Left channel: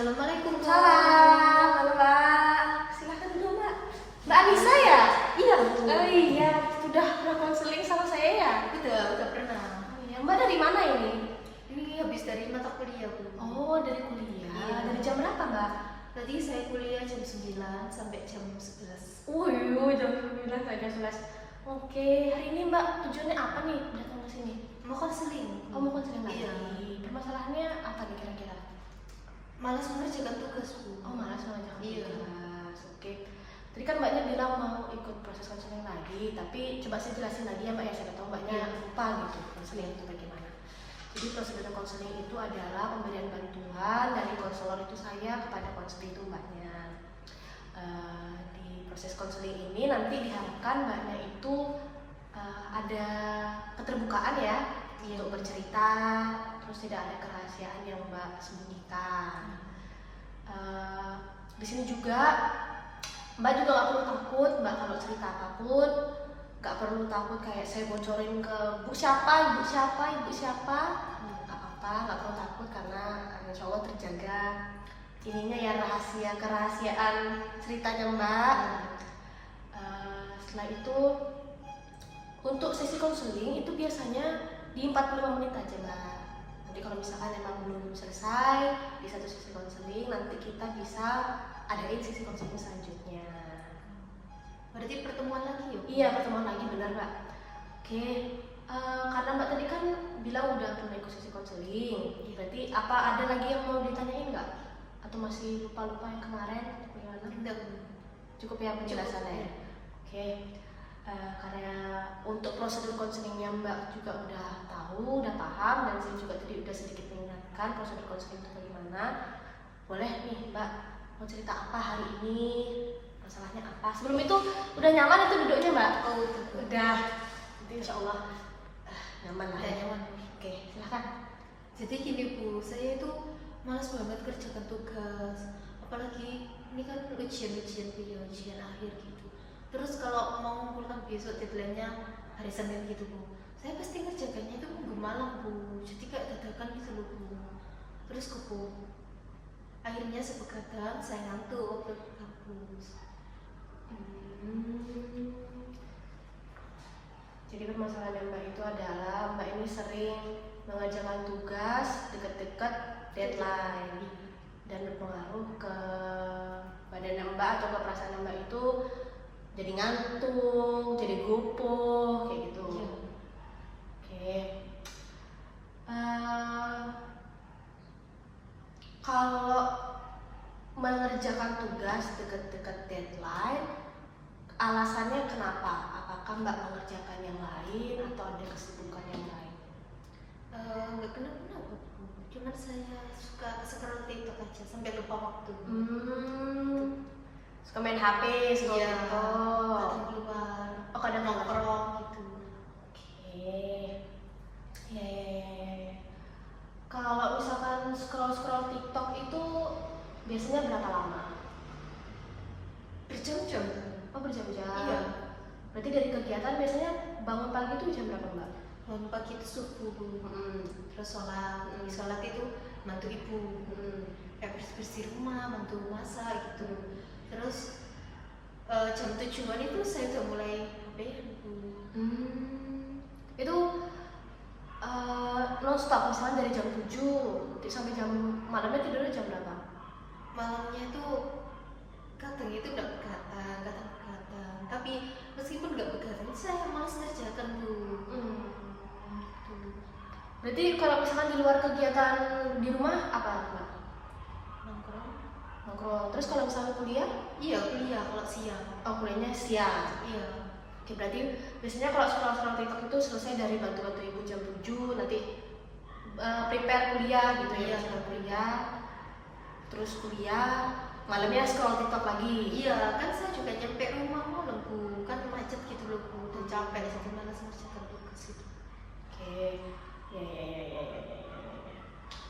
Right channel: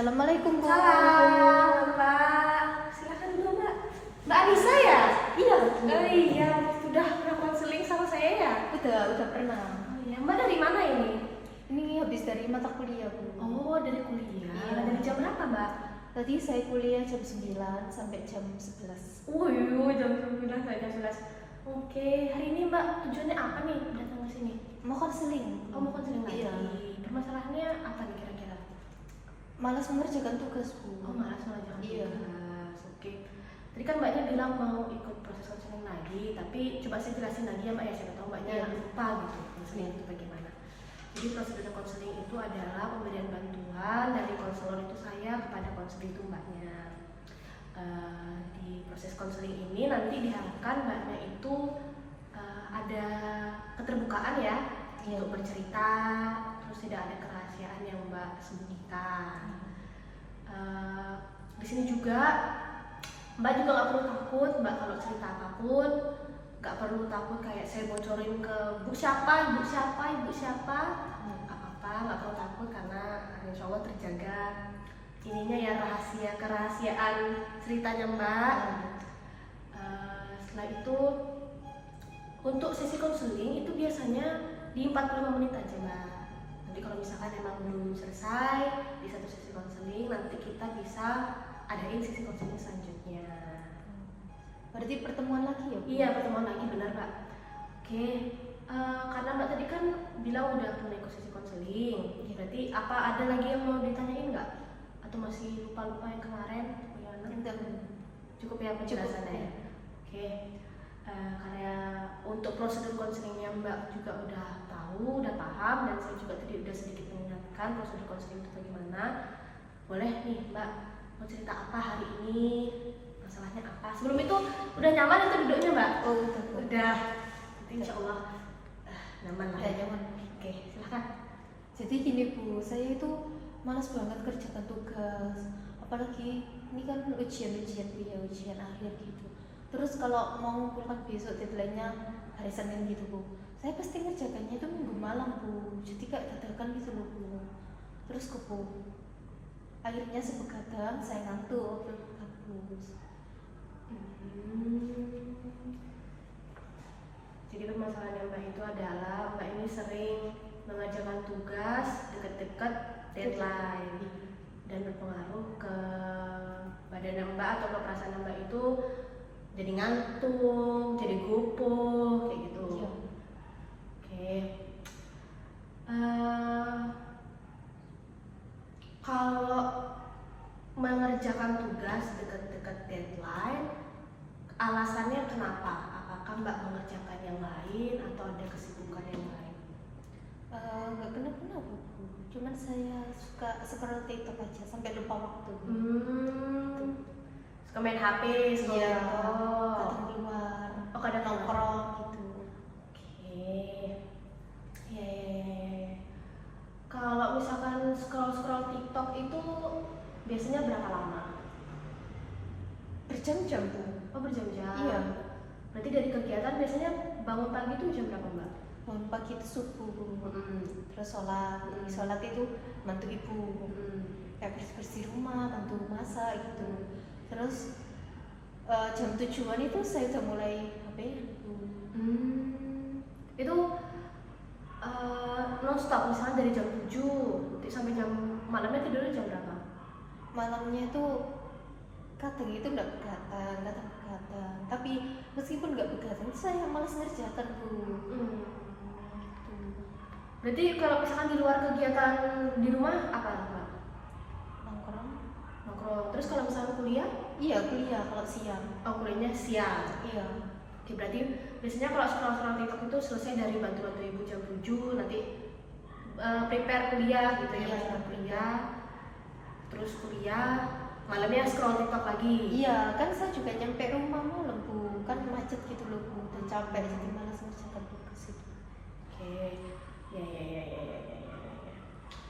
Assalamualaikum, Bu. Salam, halo Mbak. Silakan dulu Mbak. Mbak Anissa ya? Iya, Bu. Oh iya, sudah pernah konseling sama saya ya? Udah pernah. Oh iya, Mbak dari mana ini? Ini habis dari mata kuliah, Bu. Oh, dari kuliah. Iya. Dari jam berapa Mbak? Tadi saya kuliah jam 9 sampai jam 11. Oh iya, jam 9 sampai jam 11. Oke, hari ini Mbak tujuannya apa nih datang ke sini? Mau konseling. Oh, mau konseling lagi. Iya. Permasalahannya apa nih kira-kira? Malas mengerjakan tugas, Bu. Oh, malas mengerjakan Iya. tugas. Oke. Tadi kan Mbaknya bilang mau ikut proses konseling lagi, tapi coba saya jelasin lagi ya Mbak ya, saya tahu Mbaknya Iya. lupa gitu konseling itu bagaimana. Jadi prosedur konseling itu adalah pemberian bantuan dari konselor itu saya kepada konseling itu Mbaknya. Di proses konseling ini nanti diharapkan Mbaknya itu ada keterbukaan ya Iya. untuk bercerita, terus tidak ada kerahasiaan yang Mbak sembunyikan. Di sini juga Mbak juga nggak perlu takut, Mbak kalau cerita apapun nggak perlu takut kayak saya bocorin ke ibu siapa, nggak apa-apa, nggak perlu takut karena insya Allah terjaga ininya ya kerahasiaan ceritanya Mbak. Setelah itu untuk sesi konseling itu biasanya di 45 menit aja Mbak. Jadi kalau misalkan emang belum selesai di satu sesi konseling, nanti kita bisa adain sesi konseling selanjutnya. Berarti pertemuan lagi ya, Bu? Iya, pertemuan lagi benar Mbak. Oke, karena Mbak tadi kan bilang udah pernah ikut sesi konseling, berarti apa ada lagi yang mau ditanyain nggak? Atau masih lupa-lupa yang kemarin? Bagaimana? Udah, Bu. Cukup ya penjelasannya ya? Cukup. Oke, karena untuk prosedur konselingnya Mbak juga udah tahu, udah paham, dan saya juga tadi udah sedikit mengingatkan prosedur konseling itu bagaimana. Boleh nih Mbak mau cerita apa hari ini, masalahnya apa? Sebelum itu udah nyaman itu duduknya Mbak? Oh, udah, Bu. Udah, jadi insya Allah nyaman lah. Udah nyaman. Oke, silahkan. Jadi gini, Bu, saya itu malas banget kerjakan tugas. Apalagi ini kan ujian akhir gitu. Terus kalau mau ngumpulkan besok deadline-nya hari Senin gitu, Bu, saya pasti ngerjakannya itu minggu malam, Bu. Jadi kayak dadakan gitu loh, Bu. Terus Bu, akhirnya sebegadang saya ngantuk waktu di kampus. Jadi permasalahan Mbak itu adalah Mbak ini sering mengerjakan tugas dekat-dekat deadline dan berpengaruh ke badan Mbak atau ke perasaan Mbak itu jadi ngantuk, jadi gopoh kayak gitu. Iya. Oke. Kalau mengerjakan tugas dekat-dekat deadline, alasannya kenapa? Apakah Mbak mengerjakan yang lain atau ada kesibukan yang lain? Nggak kenapa-kenapa, Bu. Cuman saya suka scroll TikTok aja sampai lupa waktu. Suka main HP, suka Iya, nonton. kadang keluar, Oh, kadang nongkrong gitu. Oke. Kalau misalkan scroll TikTok itu biasanya berapa lama? Berjam-jam, Bu. Oh, berjam-jam. Iya. Berarti dari kegiatan biasanya bangun pagi itu jam berapa Mbak? Bangun pagi itu subuh, Bu. Terus sholat itu bantu ibu, kayak bersih rumah, bantu masak gitu. Terus jam 7-an itu saya udah mulai HP, Bu. Itu non-stop, misalnya dari jam 7 sampai jam malamnya tidurnya jam berapa? Malamnya itu kadang itu nggak begadang, tapi meskipun nggak begadang saya malas ngerjakan, Bu. Berarti kalau misalkan di luar kegiatan di rumah apa Mbak? Nongkrong. Terus kalau misalnya kuliah? Iya, kuliah kalau siang. Oh, kuliahnya siang. Iya. Oke, berarti biasanya kalau scroll TikTok itu selesai dari bantu-bantu ibu jam 7, nanti prepare kuliah gitu ya, Iya. kuliah. Terus kuliah, malamnya scroll TikTok lagi. Iya, kan saya juga nyampe rumah malam, Bu. Kan macet gitu loh, Bu. Dan capek, jadi malas ngerjakan tugas itu. Oke. Ya.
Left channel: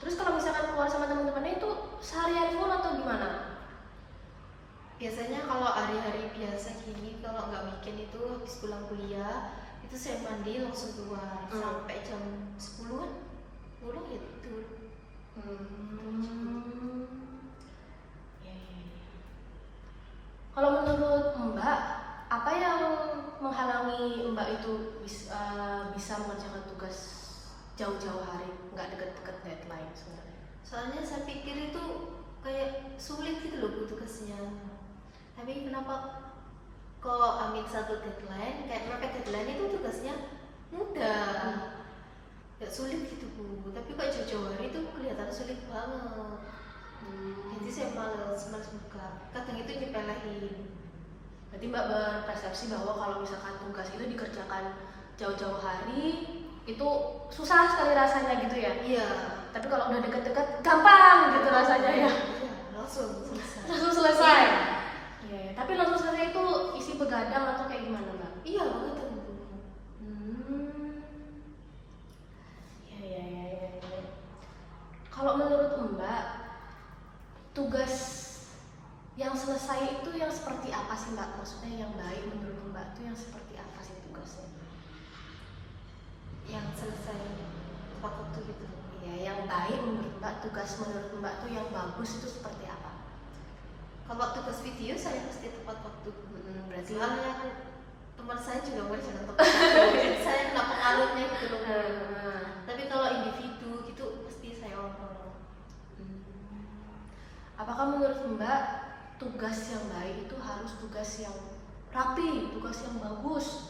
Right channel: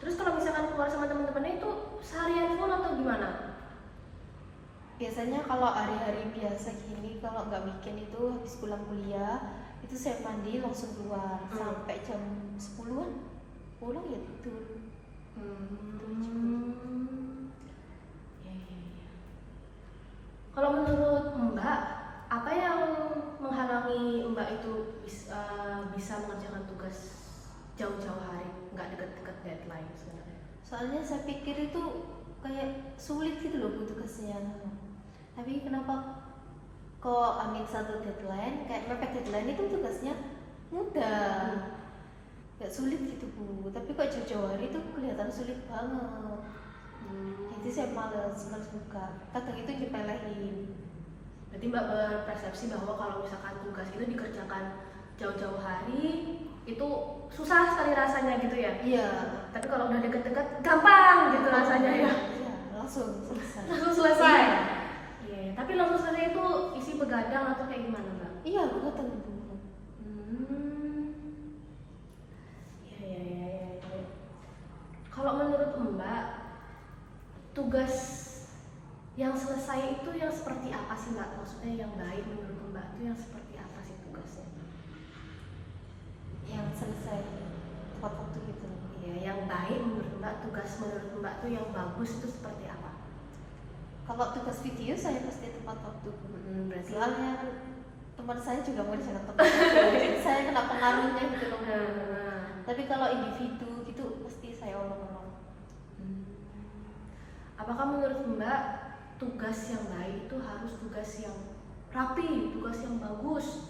Terus kalau misalkan keluar sama teman-temannya itu seharian full atau gimana? Biasanya kalau hari-hari biasa gini, kalau nggak weekend itu habis pulang kuliah, itu saya mandi langsung keluar sampai jam 10-an pulang ya tidur. itu bisa mengerjakan tugas jauh-jauh hari, nggak deket-deket deadline sebenarnya? Soalnya saya pikir itu kayak sulit gitu loh Bu tugasnya. Tapi kenapa kok ambil satu deadline, kayak mepet deadline itu tugasnya mudah, gak sulit gitu Bu. Tapi kok jauh-jauh hari itu kelihatan sulit banget. Jadi saya males buka. Kadang itu nyepelein. Berarti Mbak berpersepsi bahwa kalau misalkan tugas itu dikerjakan jauh-jauh hari itu susah sekali rasanya gitu ya? Iya. Tapi kalau udah deket-deket gampang gitu rasanya ya? Iya, langsung selesai. Langsung selesai? Iya, ya. Tapi langsung selesai itu isi begadang atau kayak gimana Mbak? Iya, betul Bu. Ya. Kalau menurut Mbak, tugas yang selesai itu yang seperti apa sih Mbak? Maksudnya yang baik menurut Mbak itu yang seperti apa sih tugasnya? Yang selesai tepat waktu gitu. Ya, yang baik menurut Mbak, tugas menurut Mbak itu yang bagus itu seperti apa? Kalau tugas video saya pasti tepat waktu. Berarti Soalnya teman saya juga mau jangan tepat waktu. Jadi saya kena pengaruhnya gitu loh. Tapi kalau individu gitu pasti saya olong-olong. Apakah menurut Mbak tugas yang baik itu harus tugas yang rapi, tugas yang bagus,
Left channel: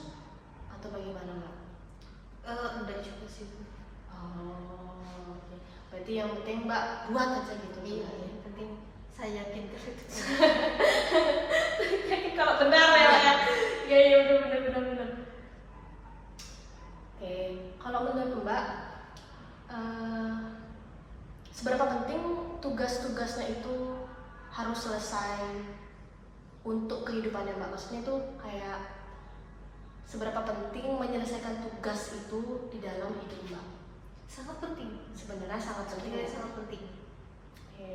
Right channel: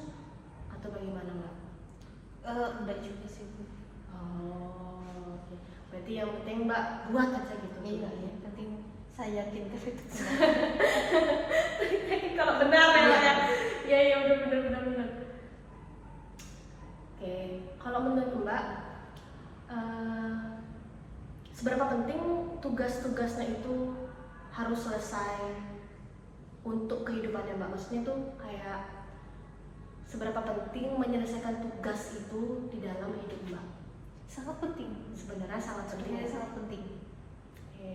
atau bagaimana Mbak? Enggak juga sih Bu. Oh, oke. Berarti yang penting Mbak buat aja gitu. Iya, yang penting saya yakin kalau itu benar. Kalau benar ya. Iya benar. Oke, kalau menurut Mbak, seberapa penting tugas-tugasnya itu harus selesai untuk kehidupannya Mbak? Maksudnya tuh kayak seberapa penting menyelesaikan tugas itu di dalam hidup Mbak? Sangat penting. Sebenarnya sangat penting. Sebenarnya sangat penting. Oke.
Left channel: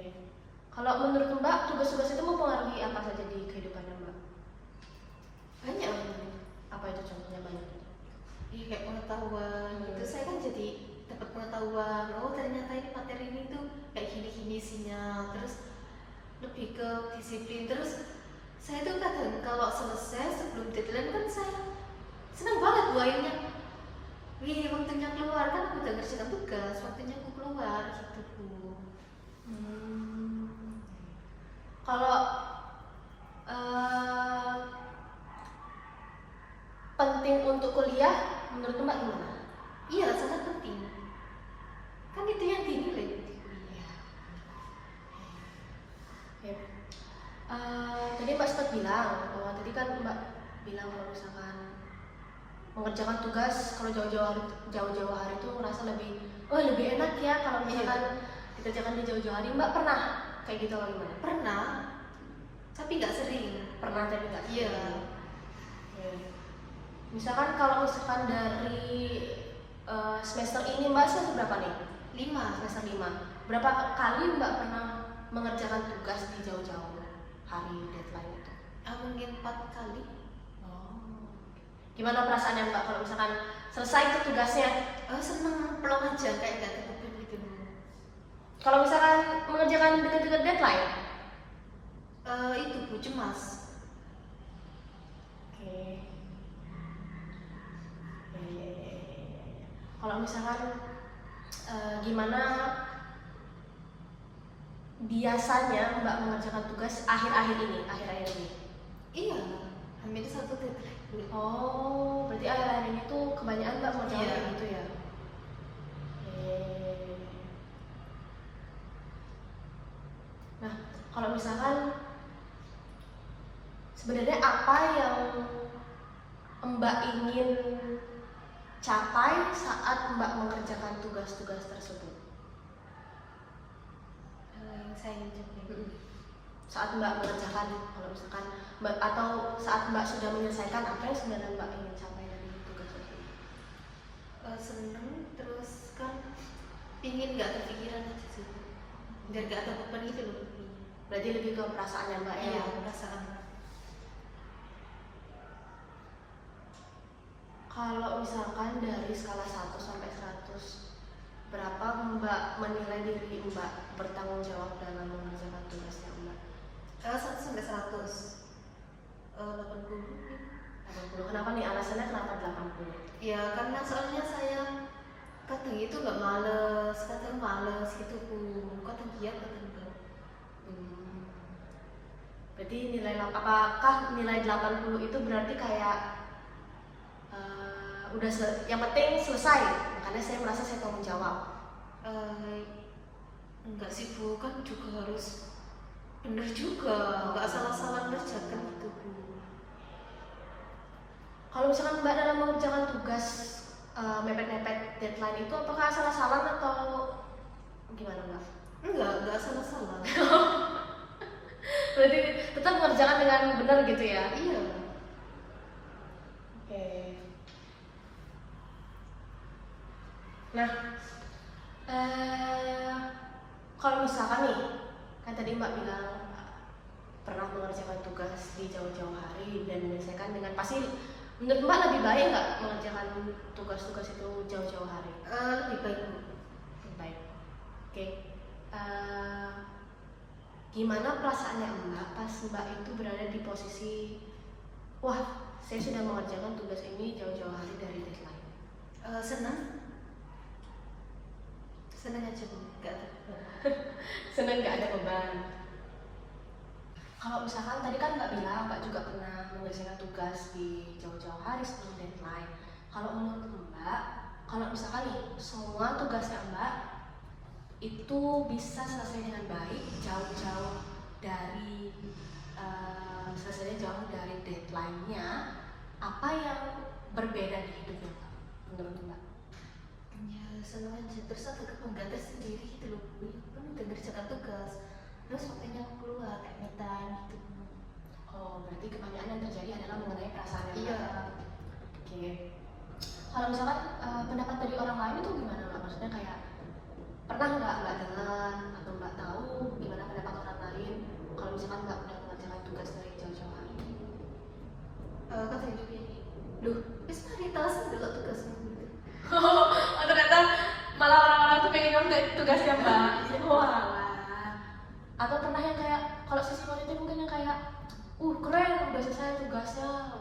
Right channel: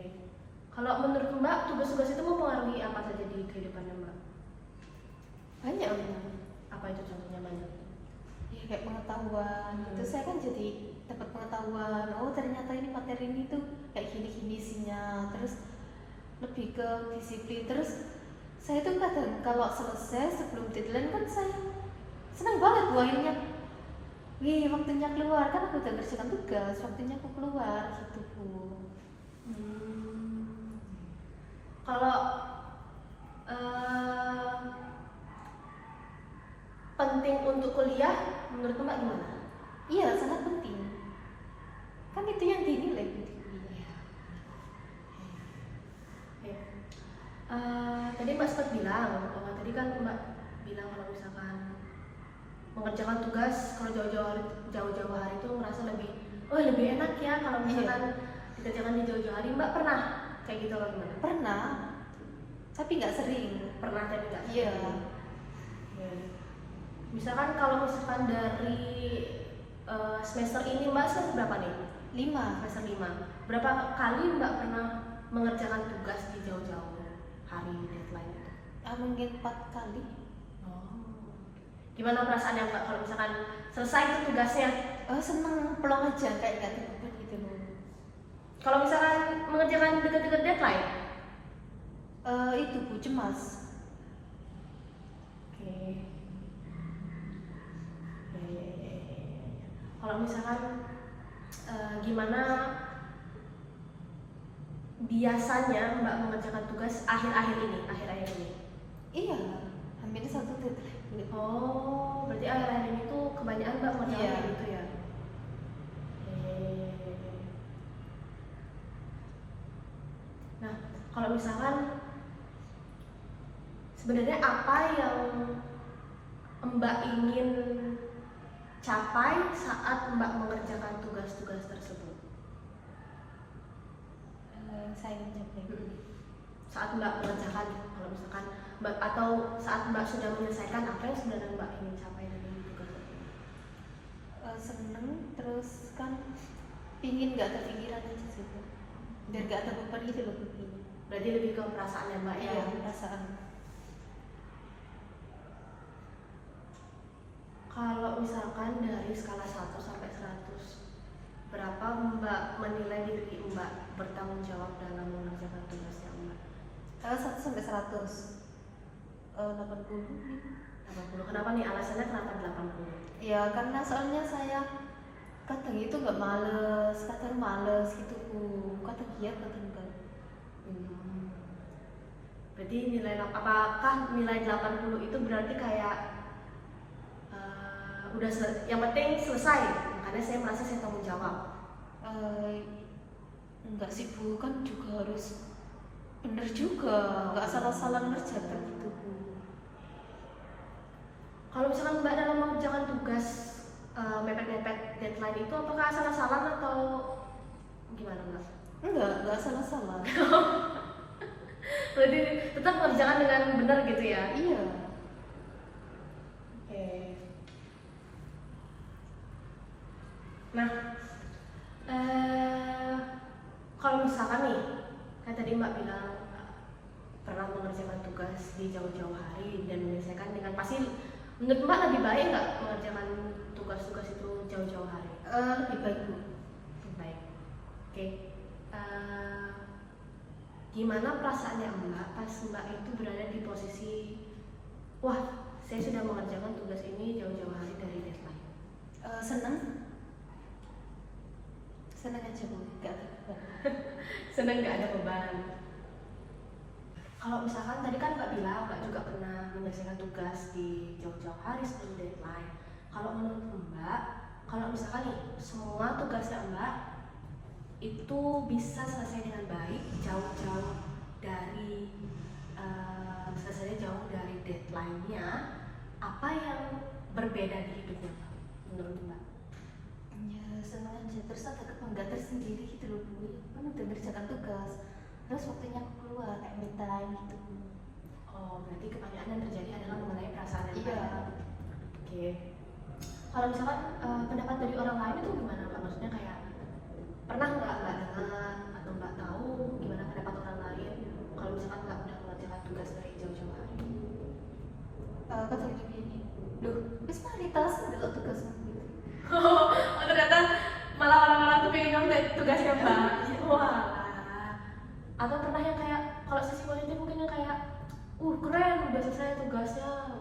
Kalau menurut Mbak, tugas-tugas itu mempengaruhi apa saja di kehidupan Mbak? Banyak loh. Apa itu contohnya banyak? Ya, kayak pengetahuan. Terus saya kan jadi dapat pengetahuan. Oh ternyata ini materi ini tuh kayak gini isinya. Terus lebih ke disiplin. Terus saya tuh kadang kalau selesai sebelum deadline kan saya senang banget buahinnya. Wih, waktunya keluar, kan aku udah ngerjakan tugas, waktunya aku keluar gitu Bu. Kalau penting untuk kuliah, menurut Mbak gimana? Iya, sangat penting. Kan itu yang dinilai di kuliah. Tadi Mbak sempat bilang, tadi kan Mbak bilang kalau misalkan mengerjakan tugas kalau jauh-jauh hari itu merasa lebih enak ya kalau misalkan dikerjakan di jauh-jauh hari. Mbak pernah kayak gitu atau gimana? Pernah, tapi nggak sering. Pernah tapi nggak sering. Iya. Misalkan kalau misalkan dari semester ini Mbak semester berapa nih? 5. Semester 5. Berapa kali Mbak pernah mengerjakan tugas di jauh-jauh hari deadline itu? Mungkin 4 kali. Gimana perasaannya Mbak kalau misalkan selesai itu tugasnya? Seneng, pelong aja kayak gak dibuka gitu. Kalau misalkan mengerjakan dekat-dekat deadline? Itu Bu, cemas. Oke. Kalau misalkan gimana biasanya Mbak mengerjakan tugas akhir-akhir ini? Iya, ambil 1 deadline. Oh, berarti akhir-akhir ini tuh kebanyakan Mbak mengerjakan kayak gitu ya? Nah, kalau misalkan sebenarnya apa yang Mbak ingin capai saat Mbak mengerjakan tugas-tugas tersebut? Yang saya ingin capai. Saat Mbak mengerjakan, kalau misalkan Mbak atau saat Mbak sudah menyelesaikan, apa yang sebenarnya Mbak ingin capai dari tugas tersebut? Seneng, terus kan pingin gak kepikiran aja sih Bu. Biar gak ada beban gitu loh Bu. Berarti lebih ke perasaannya Mbak ya? Iya, perasaan. Kalau misalkan dari skala 1 sampai 100, berapa Mbak menilai diri Mbak bertanggung jawab dalam mengerjakan tugasnya Mbak? 1 sampai 100. 80. 80. Kenapa nih alasannya kenapa 80? Ya karena soalnya saya kadang itu nggak males, kadang males gitu bu, kadang giat kadang enggak. Hmm. Berarti apakah nilai 80 itu berarti kayak yang penting selesai, makanya saya merasa saya tanggung jawab. Enggak sih bu, kan juga harus bener juga, nggak salah-salah ngerjakan gitu bu. Kalau misalkan Mbak dalam mengerjakan tugas mepet-mepet deadline itu apakah salah-salah atau gimana Mbak? Enggak salah-salah. Berarti tetap mengerjakan dengan benar gitu ya? Iya. Oke. Nah, kalau misalkan nih, kan tadi Mbak bilang pernah mengerjakan tugas di jauh-jauh hari dan menyelesaikan dengan pasti, menurut Mbak lebih baik nggak mengerjakan tugas-tugas itu jauh-jauh hari? Lebih baik bu. Lebih baik. Oke. Gimana perasaannya Mbak pas Mbak itu berada di posisi, wah saya sudah mengerjakan tugas ini jauh-jauh hari dari deadline? Senang aja bu, nggak ada beban. Senang nggak ada beban. Kalau misalkan tadi kan Mbak bilang Mbak juga pernah menyelesaikan tugas di jauh-jauh hari sebelum deadline. Kalau menurut Mbak, kalau misalkan nih semua tugasnya Mbak itu bisa selesai dengan baik, jauh-jauh dari selesainya jauh dari deadline-nya, apa yang berbeda di hidupnya Mbak menurut Mbak? Ya senang aja, terus ada kebanggaan tersendiri gitu loh bu. Kan udah ngerjakan tugas, terus waktunya aku keluar kayak me time gitu. Oh, berarti kebanggaan yang terjadi adalah mengenai perasaan yang Iya. Oke. Kalau misalkan pendapat dari orang lain itu gimana Mbak? Maksudnya kayak pernah nggak dengar atau Mbak tahu gimana pendapat orang lain kalau misalkan Mbak pernah mengerjakan tugas dari jauh-jauh hari? Katanya gini, duh, bis mari tas dulu tugasmu. Oh, ternyata malah orang-orang tuh pengen nyontek tugasnya Mbak. Wah. Atau pernah yang kayak kalau sisi positif mungkin yang kayak, keren udah selesai tugasnya.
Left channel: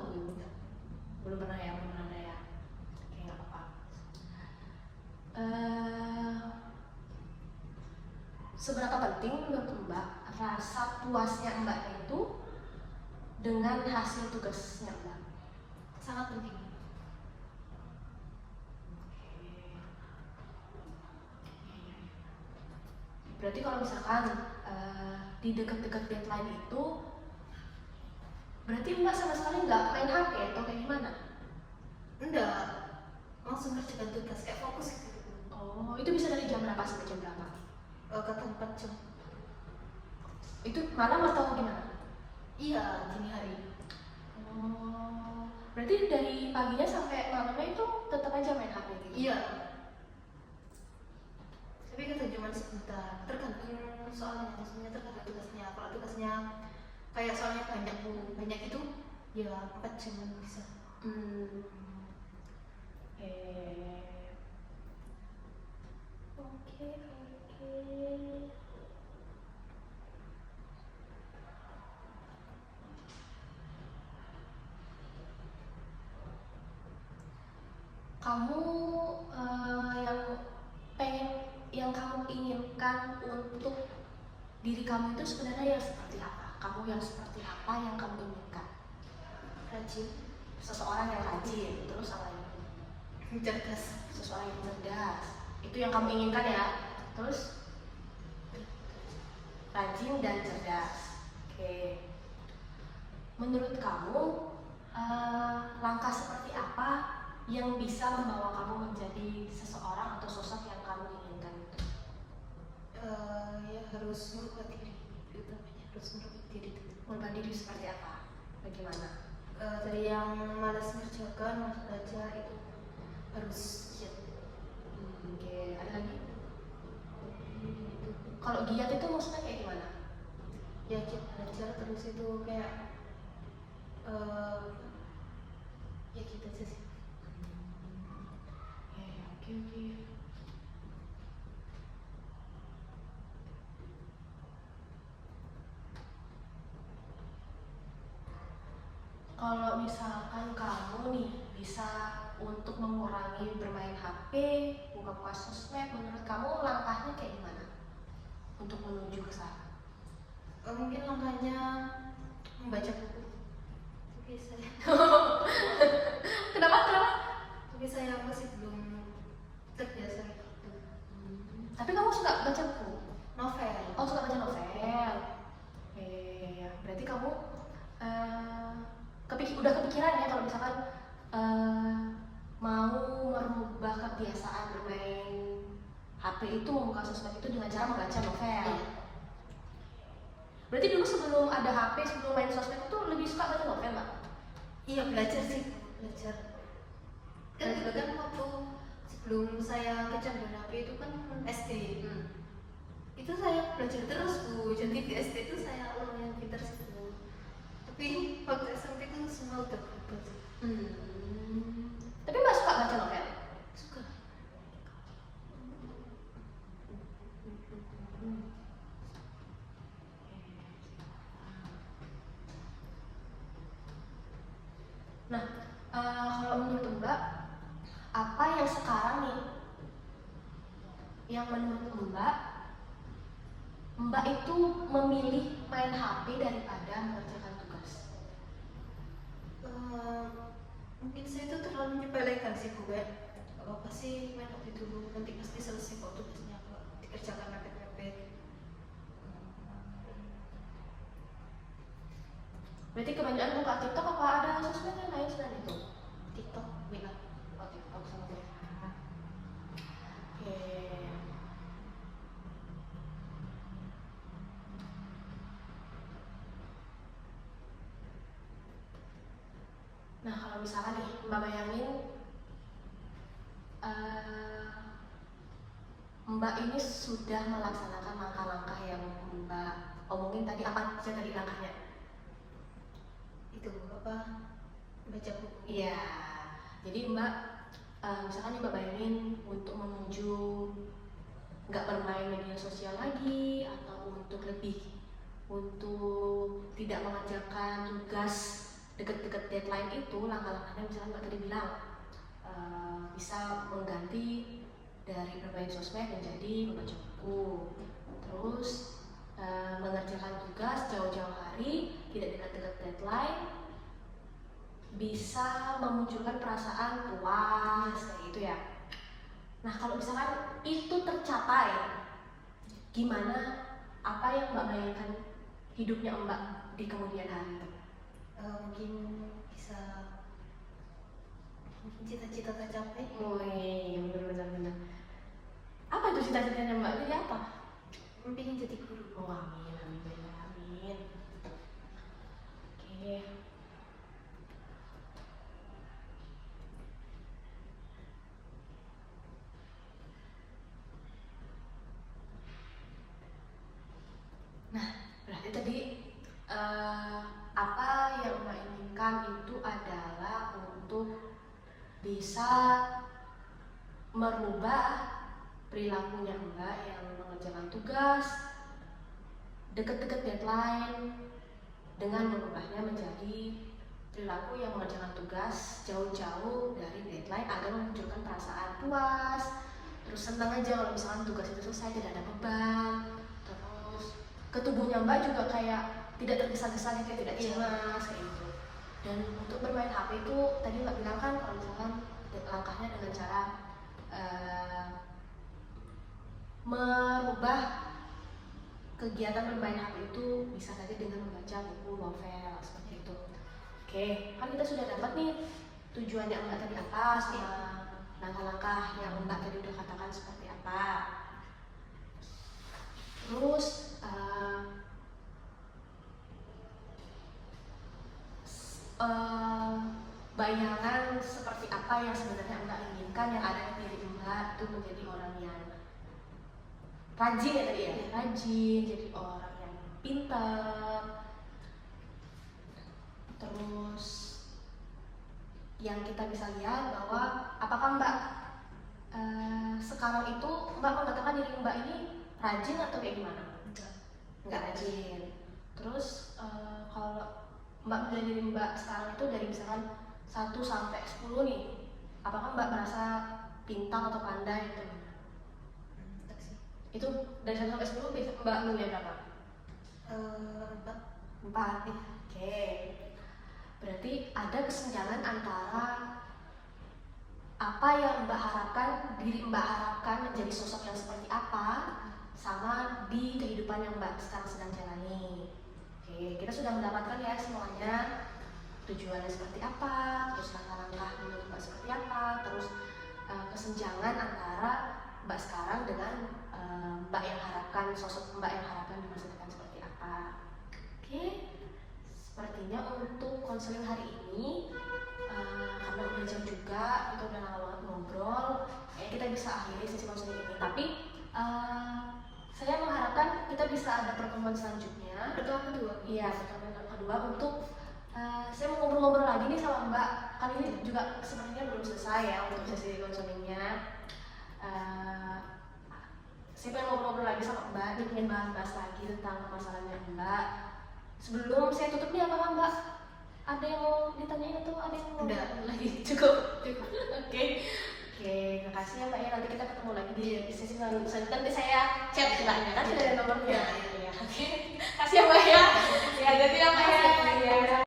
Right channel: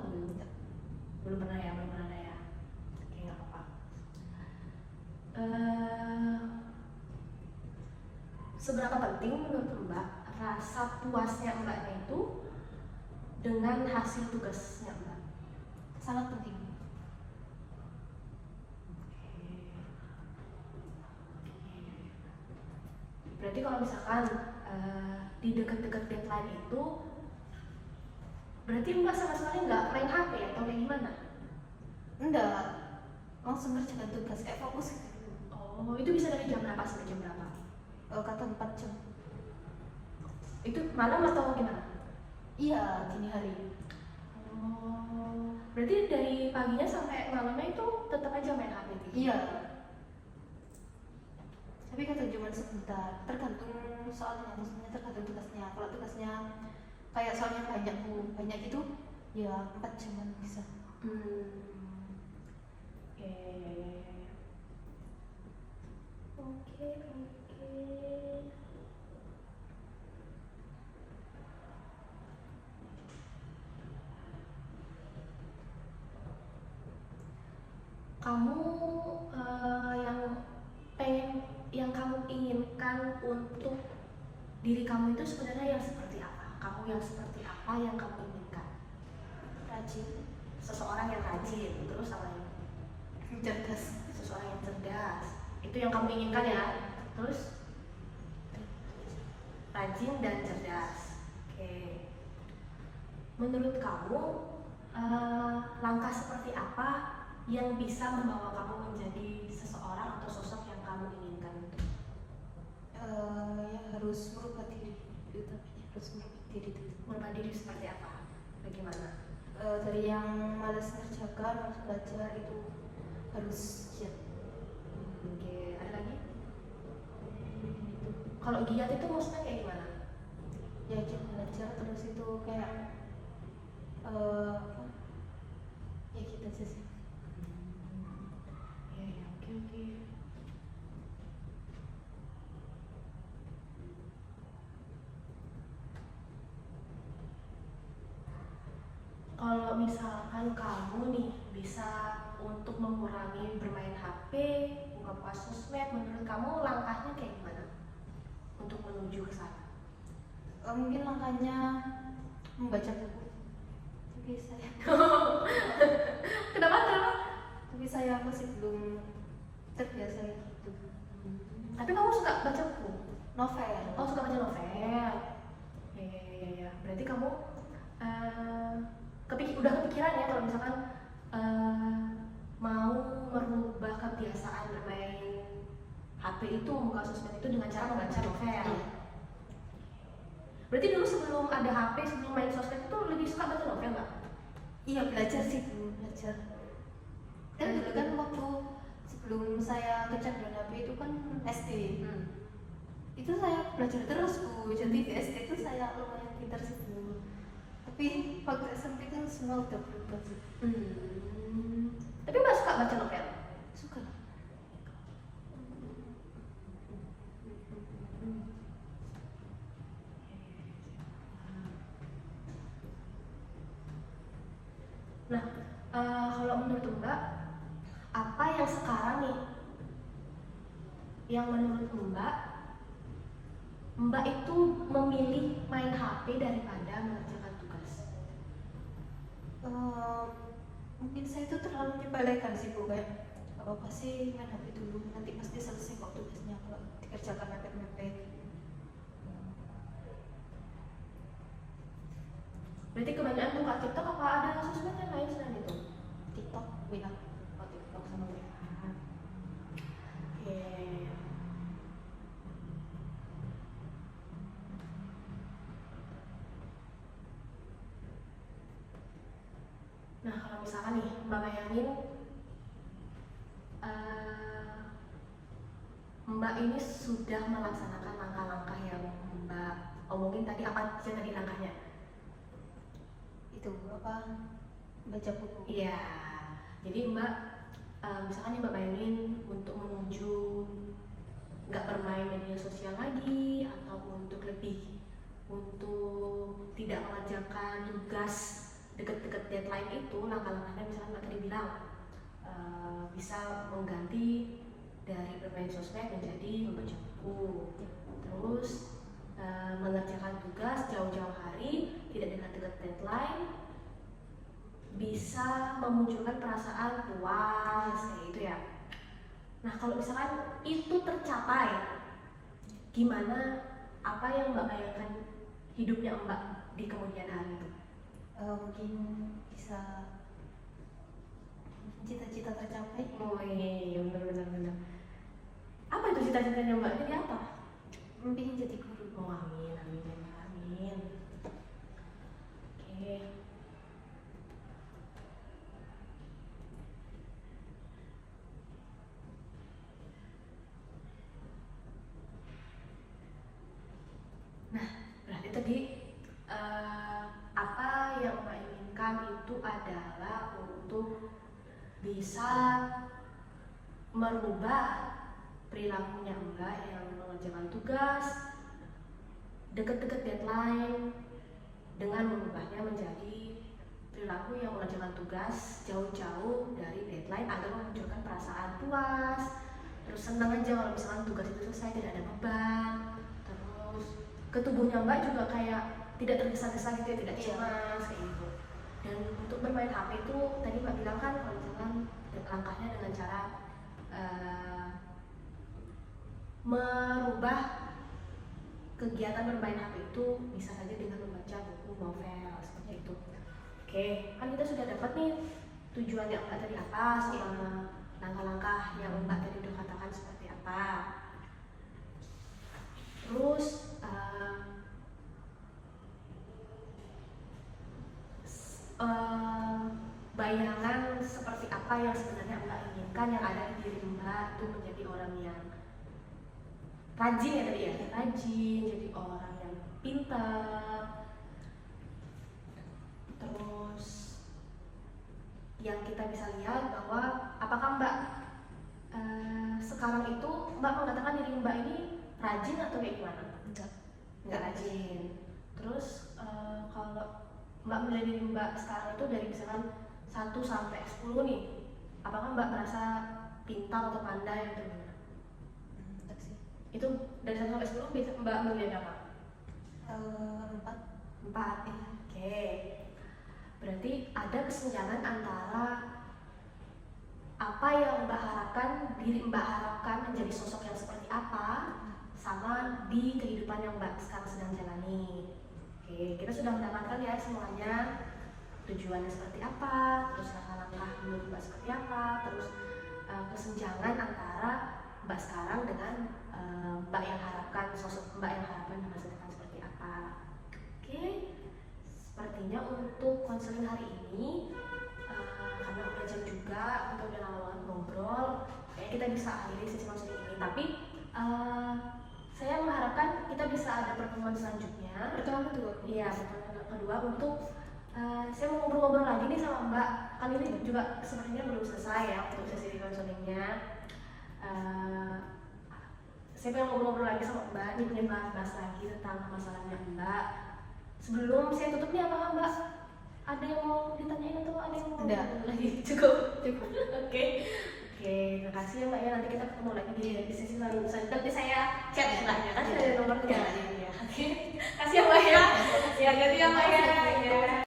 Belum pernah ya. Oke, nggak apa-apa. Seberapa penting menurut Mbak rasa puasnya Mbak itu dengan hasil tugasnya Mbak? Sangat penting. Berarti kalau misalkan di dekat-dekat deadline itu, berarti Mbak sama sekali nggak main HP atau kayak gimana? Enggak, langsung ngerjakan tugas, kayak fokus gitu. Oh, itu bisa dari jam berapa sampai jam berapa? Kata 4 jam. Itu malam atau gimana? Iya, dini hari. Oh, berarti dari paginya sampai malamnya itu tetap aja main HP gitu? Iya. Tapi kata cuma sebentar, tergantung soalnya, maksudnya tergantung tugasnya. Kalau tugasnya kayak soalnya banyak itu, ya 4 jaman bisa. Oke. Kamu yang kamu inginkan untuk diri kamu itu sebenarnya yang seperti apa? Kamu yang seperti apa yang kamu inginkan? Rajin, Seseorang yang rajin, terus sama lain. cerdas. Seseorang yang cerdas, itu yang kamu inginkan ya. Terus rajin dan cerdas. Oke. Menurut kamu langkah seperti apa yang bisa membawa kamu menjadi seseorang atau sosok yang kamu inginkan itu? Ya harus merubah diri, utamanya harus merubah diri dulu. Merubah diri seperti apa? Bagaimana? Dari yang malas ngerjakan, malas belajar itu harus giat. Oke, ada lagi? Kalau giat itu maksudnya kayak gimana? Ya giat belajar terus itu kayak ya gitu aja sih. Oke. kalau misalkan kamu nih bisa untuk mengurangi bermain HP, buka-buka sosmed, menurut kamu langkahnya kayak gimana untuk menuju ke sana? Mungkin langkahnya membaca buku. Tapi saya Kenapa? tapi saya masih belum terbiasa gitu. Tapi kamu suka baca buku? Novel. Oh, suka baca novel. Ya. Berarti kamu udah kepikiran ya kalau misalkan mau merubah kebiasaan bermain HP itu, buka sosmed itu dengan cara membaca novel. Berarti dulu sebelum ada HP, sebelum main sosmed itu lebih suka baca novel, Mbak? Iya, belajar sih, belajar. Kan dulu kan waktu sebelum saya kecanduan HP itu kan SD. Itu saya belajar terus Bu, jadi di SD itu saya lumayan pintar sih Bu. Tapi waktu SMP itu semua udah berubah sih. Tapi Mbak suka baca novel? Suka. Nah, kalau menurut Mbak, apa yang sekarang nih yang menurut Mbak itu memilih main HP daripada mengerjakan tugas? Mungkin saya itu terlalu menyepelekan sih Bu, kayak gak apa-apa sih main HP dulu, nanti pasti selesai kok tugasnya kok, dikerjakan mepet-mepet. Berarti kebanyakan buka TikTok apa ada sosmed yang lain selain itu? TikTok bilang. Oh, TikTok sama dia. Oke. Nah, kalau misalkan nih Mbak bayangin Mbak ini sudah melaksanakan langkah-langkah yang Mbak omongin tadi, apa aja tadi langkahnya? Itu apa? Baca buku. Iya. Jadi Mbak, misalkan nih Mbak bayangin untuk menuju nggak bermain media sosial lagi, atau untuk tidak mengerjakan tugas deket-deket deadline itu, langkah-langkahnya misalnya Mbak tadi bilang bisa mengganti dari bermain sosmed menjadi membaca buku, terus mengerjakan tugas jauh-jauh hari, tidak dekat-dekat deadline, bisa memunculkan perasaan puas kayak gitu ya. Nah, kalau misalkan itu tercapai, gimana, apa yang Mbak bayangkan hidupnya Mbak di kemudian hari itu? Mungkin bisa cita-cita tercapai. Oh iya, benar. Apa itu cita-citanya Mbak? Jadi apa? Pengen jadi guru. Oh, amin. Oke. Nah, berarti tadi apa yang Mbak inginkan itu adalah untuk bisa merubah perilakunya Mbak yang mengerjakan tugas dekat-dekat deadline dengan merubahnya menjadi perilaku yang mengerjakan tugas jauh-jauh dari deadline agar memunculkan perasaan puas, terus senang aja kalau misalkan tugas itu selesai, tidak ada beban, terus ke tubuhnya Mbak juga kayak tidak tergesa-gesa gitu, tidak cemas kayak gitu. Dan untuk bermain HP itu tadi Mbak bilang kan kalau misalkan langkahnya dengan cara merubah kegiatan bermain HP itu bisa saja dengan membaca buku novel seperti itu. Oke, kan kita sudah dapat nih tujuan yang Mbak tadi atas, langkah-langkah yang Mbak tadi udah katakan seperti apa. Terus bayangan seperti apa yang sebenarnya Mbak inginkan yang ada di diri Mbak itu menjadi orang yang rajin ya tadi ya, rajin, jadi orang yang pintar. Terus yang kita bisa lihat bahwa apakah Mbak sekarang itu Mbak mengatakan diri Mbak ini rajin atau kayak gimana? Enggak rajin. Terus kalau Mbak menilai diri Mbak sekarang itu dari misalkan 1 sampai 10 nih, apakah Mbak merasa pintar atau pandai gitu? Tak sih. Itu dari 1 sampai 10 bisa Mbak nilai berapa? 4. 4. Oke. Berarti ada kesenjangan antara apa yang Mbak harapkan, diri Mbak harapkan menjadi sosok yang seperti apa, sama di kehidupan yang Mbak sekarang sedang jalani. Oke, kita sudah mendapatkan ya semuanya, tujuannya seperti apa, terus langkah-langkah menurut Mbak seperti apa, terus kesenjangan antara Mbak sekarang dengan Mbak yang harapkan, sosok Mbak yang harapkan di masa depan seperti apa. Oke, sepertinya untuk konseling hari ini karena udah jauh juga, kita udah lama banget ngobrol, ya kita bisa akhiri sesi konseling ini. Tapi saya mengharapkan kita bisa ada pertemuan selanjutnya. Pertemuan kedua. Iya, pertemuan kedua untuk saya mau ngobrol-ngobrol lagi nih sama Mbak. Kali ini juga sebenarnya belum selesai ya untuk sesi konselingnya. Saya pengen ngobrol-ngobrol lagi sama Mbak, nih pengen bahas lagi tentang masalahnya Mbak. Sebelum saya tutup nih, apakah Mbak ada yang mau ditanyain atau ada yang mau Enggak. lagi? Cukup. Oke, terima kasih ya Mbak ya. Nanti kita ketemu lagi di sesi selanjutnya. Nanti saya chat Mbak, kan sudah ada nomornya. Iya. Oke, kasih ya Mbak ya. Ya, jadi ya Mbak ya.